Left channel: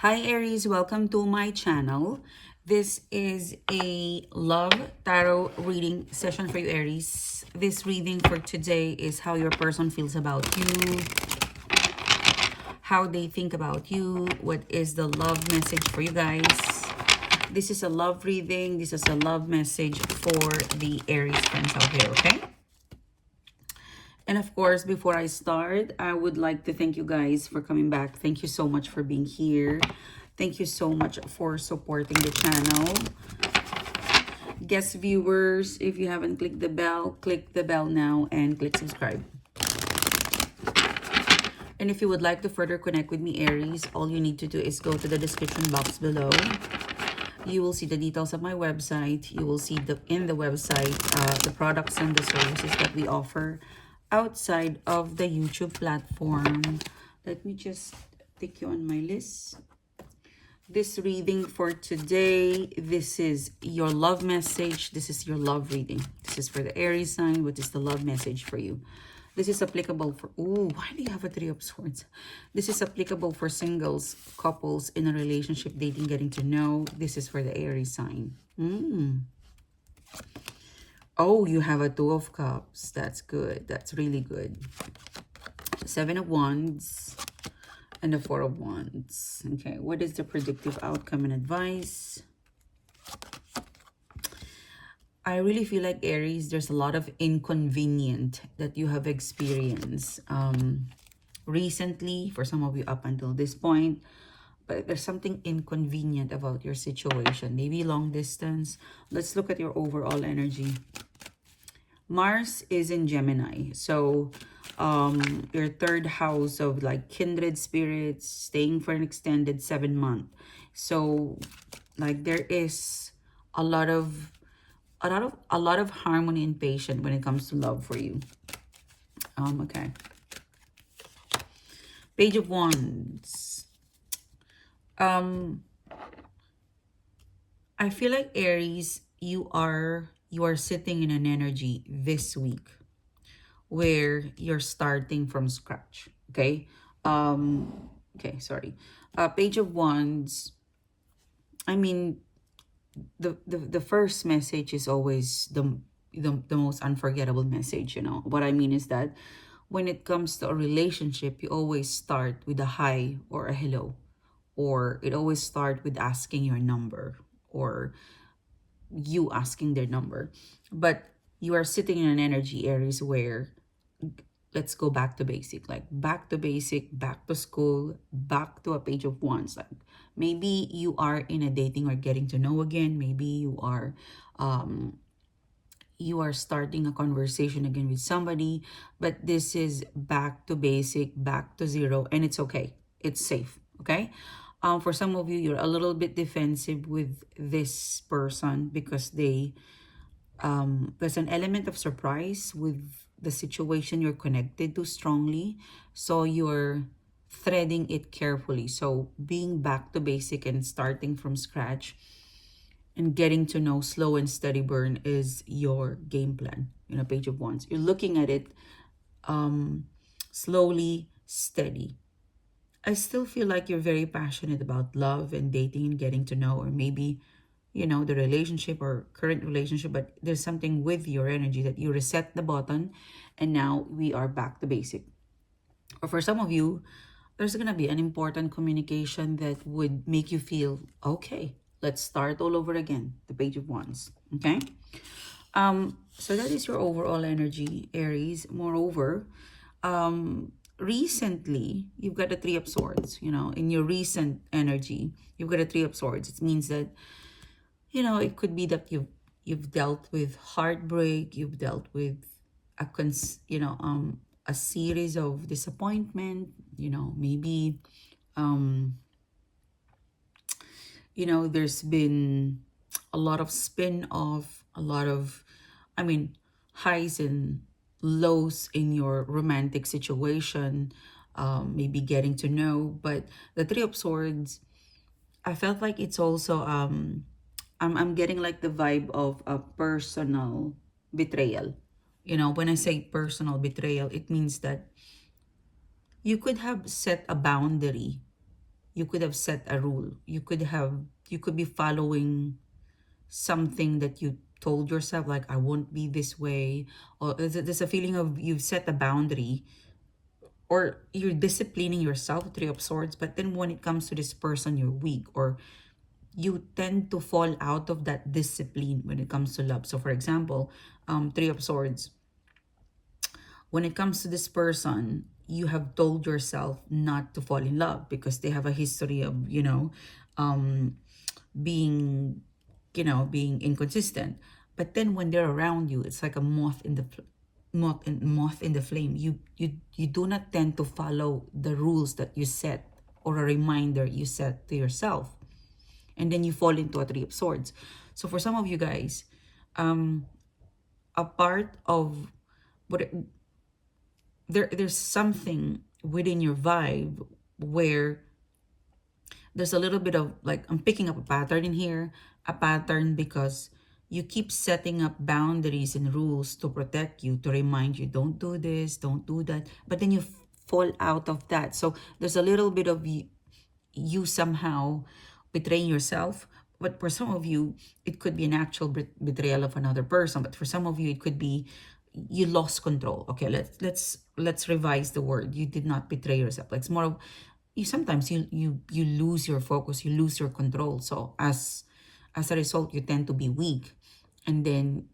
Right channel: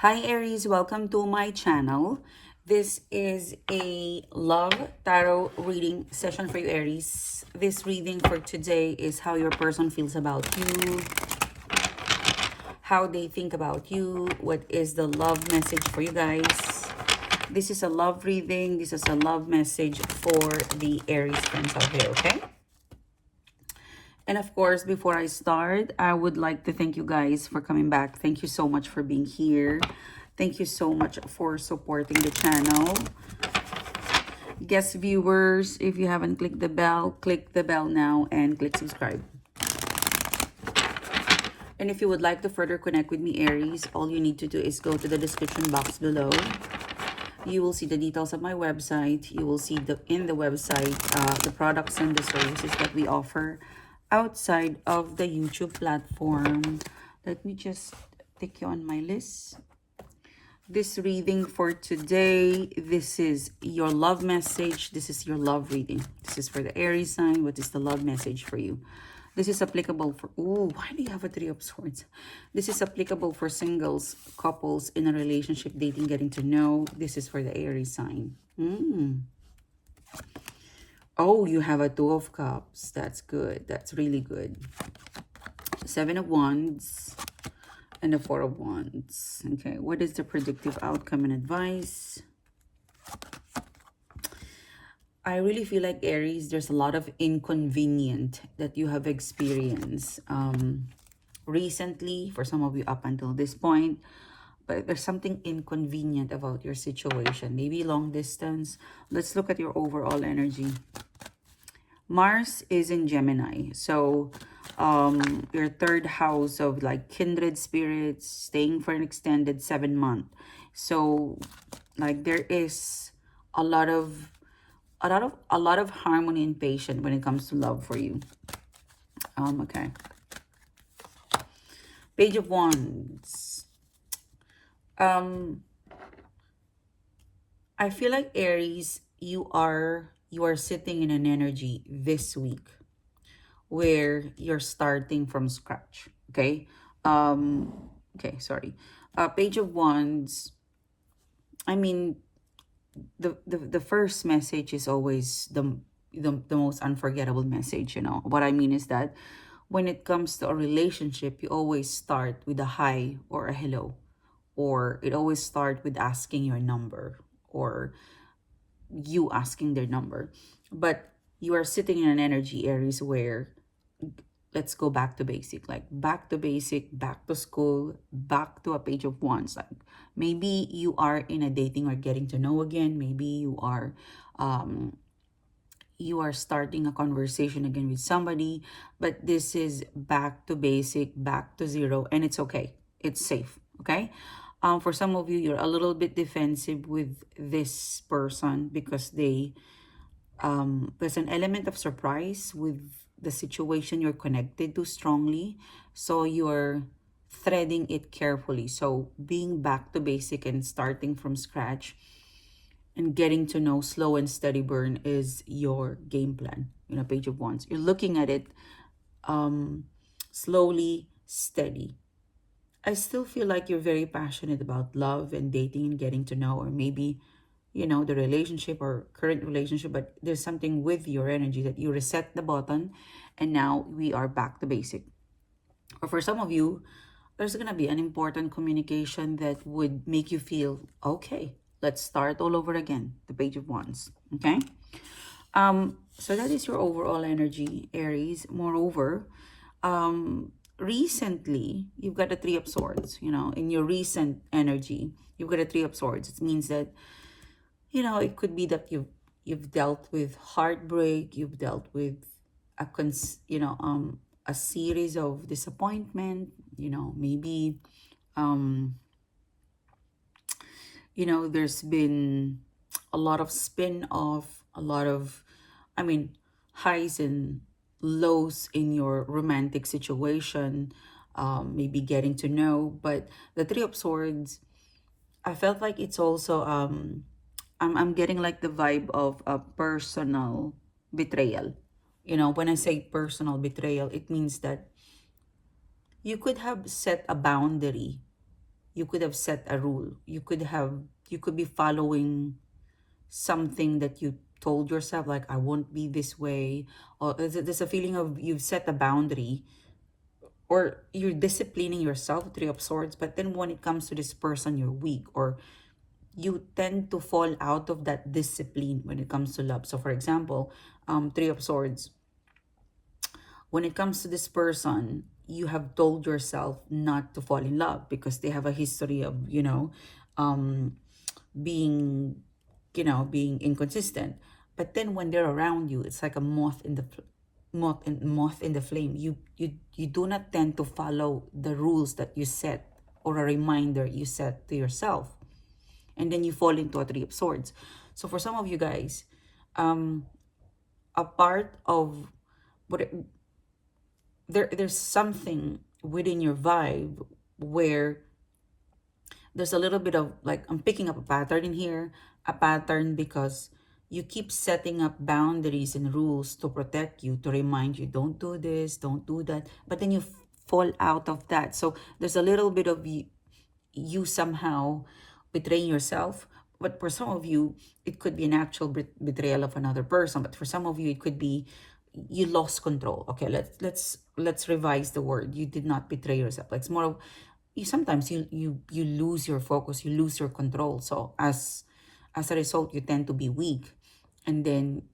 Hi Aries, welcome to my channel. This is a love tarot reading session for you, Aries. This reading for today is how your person feels about you, how they think about you, what is the love message for you guys. This is a love reading. This is a love message for the Aries friends out here, okay? And of course, before I start, I would like to thank you guys for coming back. Thank you so much for being here. Thank you so much for supporting the channel. Guest viewers, if you haven't click the bell now and click subscribe. And if you would like to further connect with me, Aries, all you need to do is go to the description box below. You will see the details of my website. You will see in the website the products and the services that we offer outside of the YouTube platform. Let me just take you on my list. This reading for today, this is your love message. This is your love reading. This is for the Aries sign. What is the love message for you? This is applicable for, oh, why do you have a Three of Swords? This is applicable for singles, couples in a relationship, dating, getting to know. This is for the Aries sign. Oh, you have a Two of Cups. That's good. That's really good. Seven of Wands and the Four of Wands. Okay, what is the predictive outcome and advice? I really feel like, Aries, there's a lot of inconvenient that you have experienced recently, for some of you up until this point. But there's something inconvenient about your situation. Maybe long distance. Let's look at your overall energy. Mars is in Gemini. So your third house of like kindred spirits, staying for an extended 7 months. So like there is a lot of harmony and patience when it comes to love for you. Okay. Page of Wands. I feel like, Aries, you are sitting in an energy this week where you're starting from scratch. Okay. Okay, sorry. Page of Wands. I mean, the first message is always the most unforgettable message. You know what I mean is that when it comes to a relationship, you always start with a hi or a hello, or it always start with asking your number or you asking their number. But you are sitting in an energy, Aries, where let's go back to basic, like back to basic, back to school, back to a Page of Wands. Like maybe you are in a dating or getting to know again. Maybe you are starting a conversation again with somebody, but this is back to basic, back to zero, and it's okay. It's safe, okay? For some of you, you're a little bit defensive with this person because there's an element of surprise with the situation you're connected to strongly, so you're threading it carefully. So being back to basic and starting from scratch and getting to know, slow and steady burn is your game plan in a Page of Wands. You're looking at it slowly, steady. I still feel like you're very passionate about love and dating and getting to know, or maybe, you know, the relationship or current relationship, but there's something with your energy that you reset the button and now we are back to basic. Or for some of you, there's going to be an important communication that would make you feel, okay, let's start all over again. The Page of Wands. Okay. So that is your overall energy, Aries. Moreover, recently you've got a Three of Swords. You know, in your recent energy, you've got a Three of Swords. It means that, you know, it could be that you've dealt with heartbreak, you've dealt with a series of disappointment. You know, maybe there's been a lot of spin off, a lot of, I mean, highs and lows in your romantic situation, maybe getting to know. But the Three of Swords, I felt like it's also, I'm getting like the vibe of a personal betrayal. You know, when I say personal betrayal, it means that you could have set a boundary, you could have set a rule. You could be following something that you told yourself, like, I won't be this way. Or there's a feeling of you've set a boundary, or you're disciplining yourself, Three of Swords, but then when it comes to this person, you're weak, or you tend to fall out of that discipline when it comes to love. So for example, Three of Swords, when it comes to this person, you have told yourself not to fall in love because they have a history of, um, being, being inconsistent. But then when they're around you, it's like a moth in the flame. You do not tend to follow the rules that you set, or a reminder you set to yourself, and then you fall into a Three of Swords. So for some of you guys, a part of what there's something within your vibe where there's a little bit of, like, I'm picking up a pattern in here, a pattern because you keep setting up boundaries and rules to protect you, to remind you, don't do this, don't do that, but then you fall out of that. So there's a little bit of you somehow betraying yourself. But for some of you, it could be an actual betrayal of another person. But for some of you, it could be you lost control. Okay, let's revise the word. You did not betray yourself. Like, it's more of, you sometimes you lose your focus, you lose your control. So as a result, you tend to be weak, and then,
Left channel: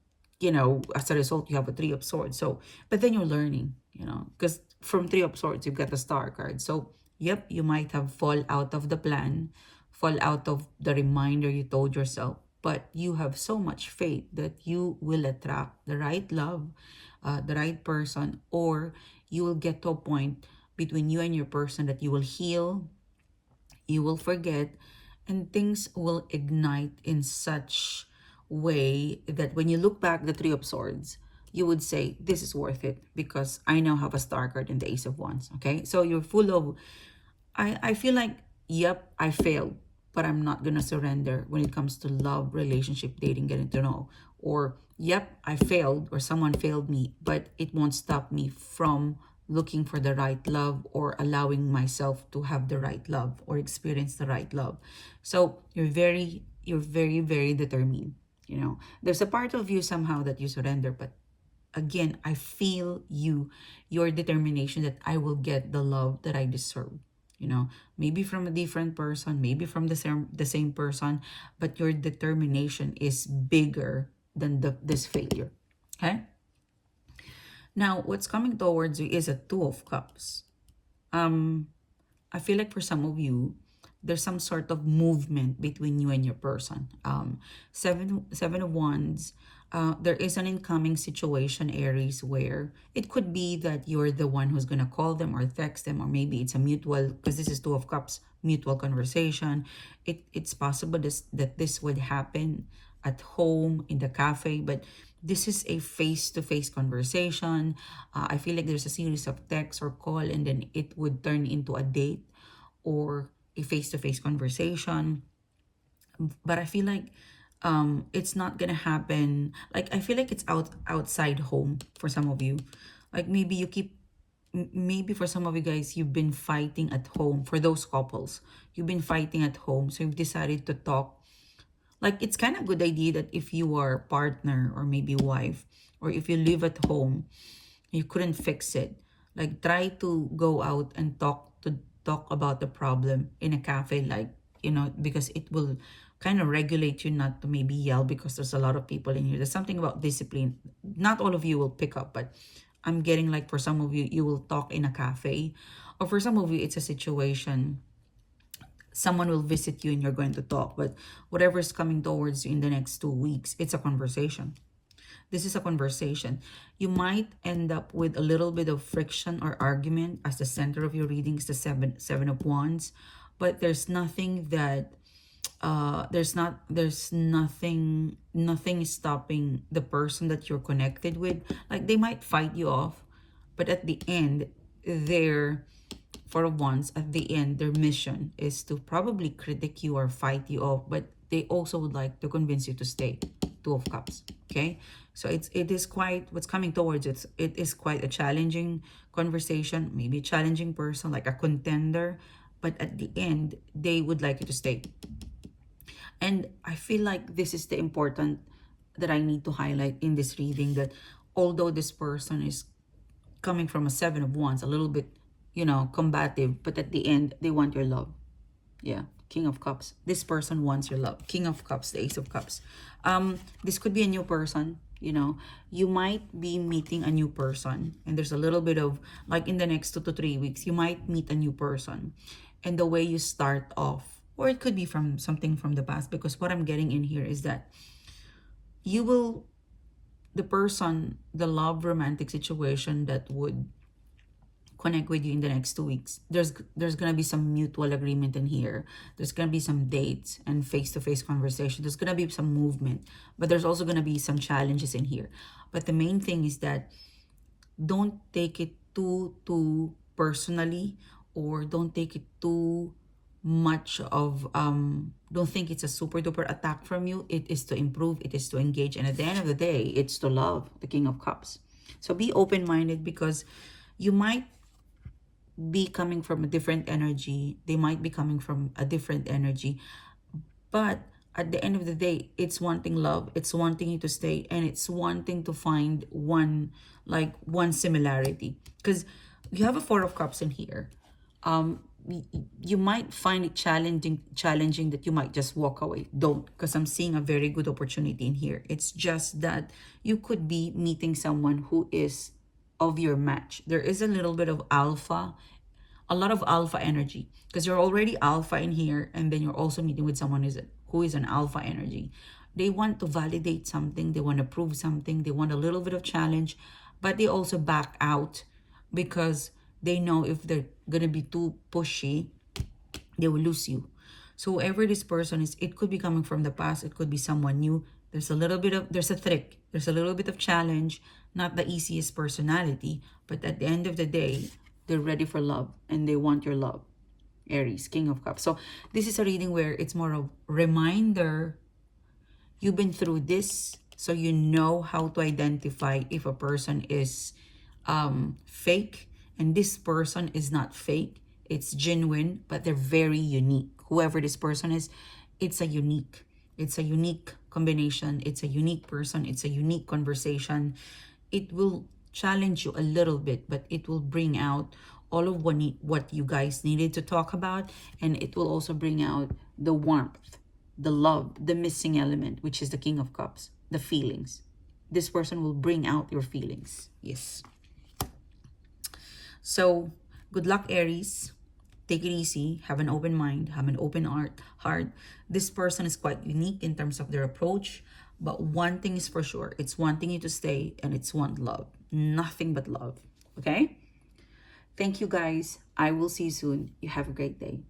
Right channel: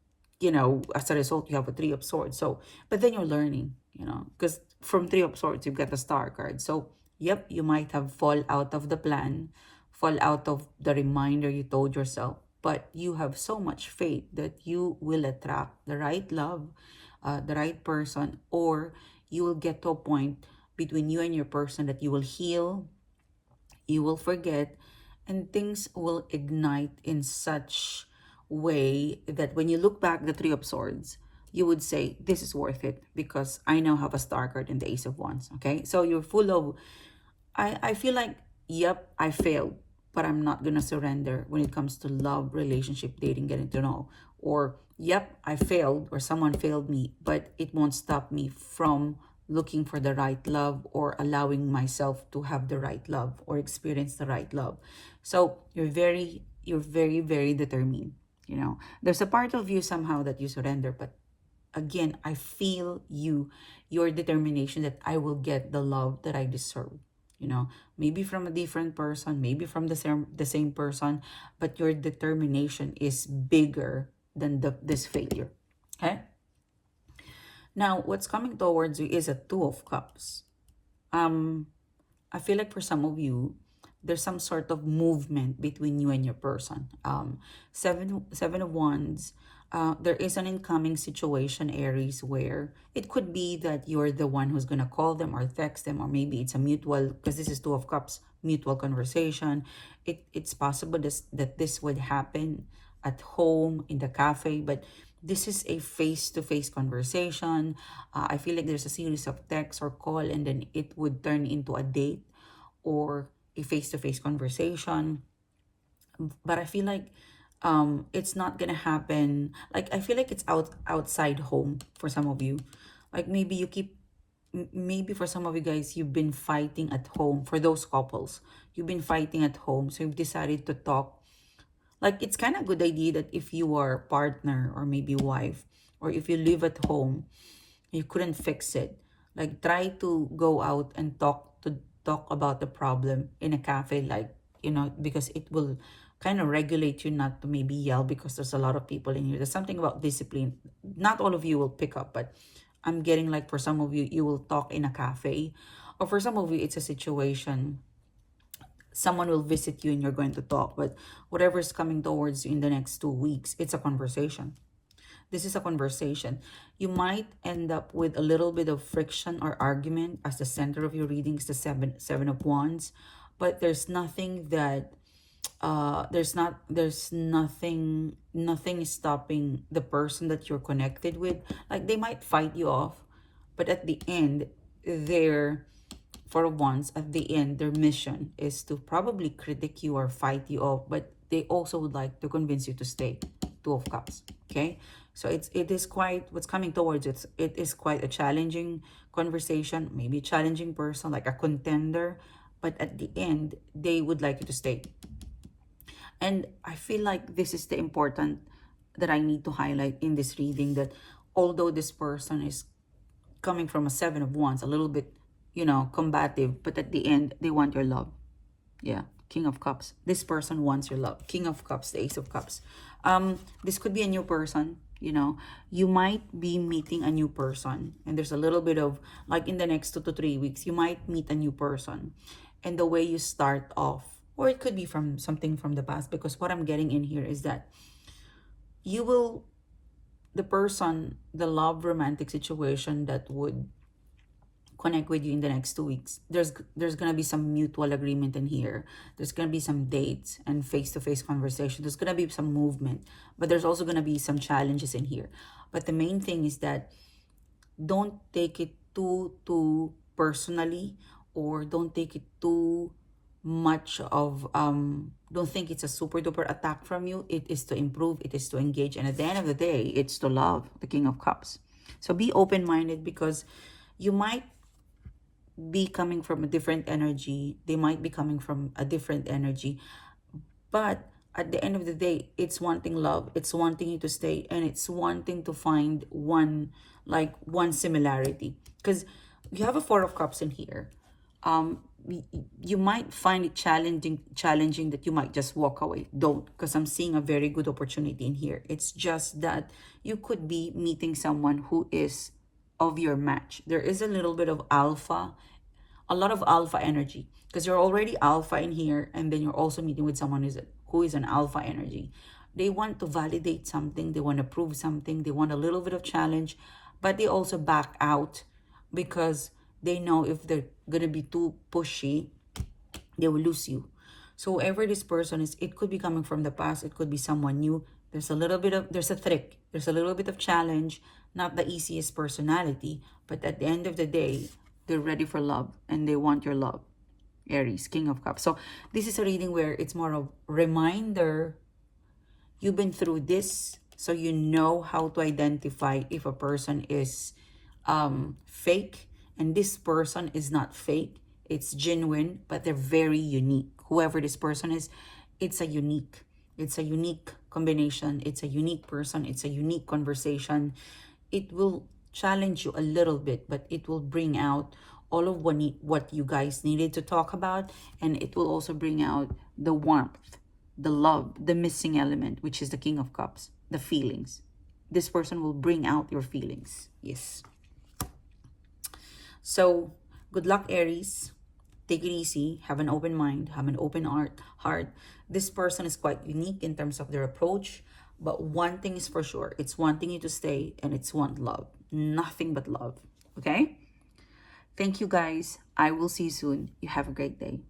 as a result, you have a Three of Swords. So, but then you're learning, because from Three of Swords, you've got the Star card. So yep, you might have fall out of the plan, fall out of the reminder you told yourself, but you have so much faith that you will attract the right love, the right person, or you will get to a point between you and your person that you will heal, you will forget, and things will ignite in such way that when you look back the Three of Swords, you would say, this is worth it because I now have a Star card and the Ace of Wands. Okay, so you're full of, I feel like, yep, I failed, but I'm not gonna surrender when it comes to love, relationship, dating, getting to know. Or, yep, I failed, or someone failed me, but it won't stop me from looking for the right love, or allowing myself to have the right love, or experience the right love. So you're very, very determined. There's a part of you somehow that you surrender, but again, I feel your determination that I will get the love that I deserve. Maybe from a different person, maybe from the same person, but your determination is bigger than this failure. Okay? Now, what's coming towards you is a Two of Cups. I feel like for some of you, there's some sort of movement between you and your person. Seven of Wands. There is an incoming situation, Aries, where it could be that you're the one who's gonna call them or text them, or maybe it's a mutual, because this is Two of Cups, mutual conversation. It's possible that this would happen at home, in the cafe, but this is a face-to-face conversation. I feel like there's a series of texts or call, and then it would turn into a date or a face-to-face conversation. But I feel like it's not gonna happen. Like, I feel like it's outside home for some of you. Like, maybe for some of you guys, you've been fighting at home. For those couples, you've been fighting at home, so you've decided to talk. Like, it's kind of a good idea that if you are partner, or maybe wife, or if you live at home, you couldn't fix it, like, try to go out and talk about the problem in a cafe, like, because it will kind of regulate you not to maybe yell, because there's a lot of people in here. There's something about discipline. Not all of you will pick up, but I'm getting, like, for some of you, you will talk in a cafe, or for some of you, it's a situation. Someone will visit you and you're going to talk, but whatever is coming towards you in the next 2 weeks, it's a conversation. This is a conversation. You might end up with a little bit of friction or argument, as the center of your reading is the seven of Wands, but there's nothing that there's nothing stopping the person that you're connected with. Like, they might fight you off, but at the end, they're for once, at the end, their mission is to probably critique you or fight you off, but they also would like to convince you to stay. Two of Cups. Okay, so it is quite, what's coming towards it is quite a challenging conversation, maybe a challenging person, like a contender, but at the end, they would like you to stay. And I feel like this is the important that I need to highlight in this reading, that although this person is coming from a Seven of Wands, a little bit, combative, but at the end, they want your love. Yeah, King of Cups. This person wants your love. King of Cups, the Ace of Cups. This could be a new person. You might be meeting a new person, and there's a little bit of, like, in the next 2 to 3 weeks, you might meet a new person, and the way you start off, or it could be from something from the past, because what I'm getting in here is that you will, the person, the love romantic situation that would connect with you in the next 2 weeks, there's gonna be some mutual agreement in here. There's gonna be some dates and face-to-face conversation. There's gonna be some movement, but there's also gonna be some challenges in here. But the main thing is that don't take it too personally, or don't take it too much of don't think it's a super duper attack from you. It is to improve, it is to engage, and at the end of the day, it's to love, the King of Cups. So be open-minded, because you might be coming from a different energy, they might be coming from a different energy, but at the end of the day, it's wanting love, it's wanting you to stay, and it's wanting to find one similarity, because you have a Four of Cups in here. You might find it challenging that you might just walk away. Don't, because I'm seeing a very good opportunity in here. It's just that you could be meeting someone who is of your match. There is a little bit of alpha, a lot of alpha energy, because you're already alpha in here, and then you're also meeting with someone who is an alpha energy. They want to validate something, they want to prove something, they want a little bit of challenge, but they also back out, because they know if they're gonna be too pushy, they will lose you. So whoever this person is, it could be coming from the past, it could be someone new. There's a trick, there's a little bit of challenge, not the easiest personality, but at the end of the day, they're ready for love, and they want your love. Aries, King of Cups. So this is a reading where it's more of reminder. You've been through this, so you know how to identify if a person is fake, and this person is not fake. It's genuine, but they're very unique. Whoever this person is, it's a unique combination. It's a unique person. It's a unique conversation. It will challenge you a little bit, but it will bring out all of what you guys needed to talk about, and it will also bring out the warmth, the love, the missing element, which is the King of Cups, the feelings. This person will bring out your feelings. Yes. So good luck, Aries. Take it easy, have an open mind, have an open heart. This person is quite unique in terms of their approach, but one thing is for sure, it's wanting you to stay, and it's want love. Nothing but love. Okay? Thank you, guys. I will see you soon. You have a great day.